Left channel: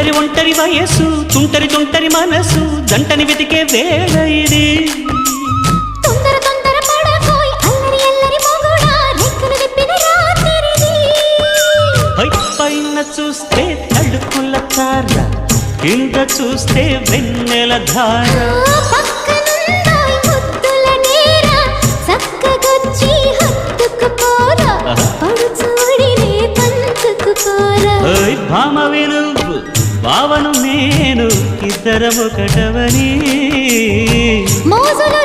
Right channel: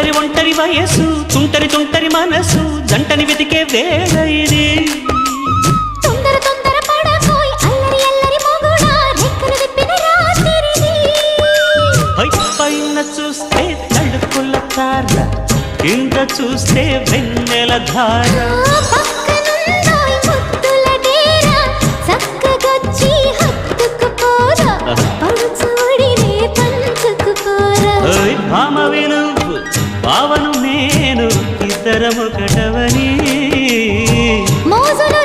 ఒంటరి ఒంటరి వయసు తుంటరి తుంటరి మనసు జంటని వెతికే వేళ ఇది తొందర తొందర పడకోయ్ అల్లరి అల్లరి మొగుడా రెక్కలు విప్పిన రాత్రిది పైన చూస్తే తడుకుల తార కింద చూస్తే వెన్నెల ధార పక్కనుందోయ్ ముద్దుల డేరా చక్కగొచ్చి హత్తుకుపోరా పడుచోడినే పంచుకుపోరా భామవి నువ్వు భావను నేను ఇద్దరము కటవని మోజులు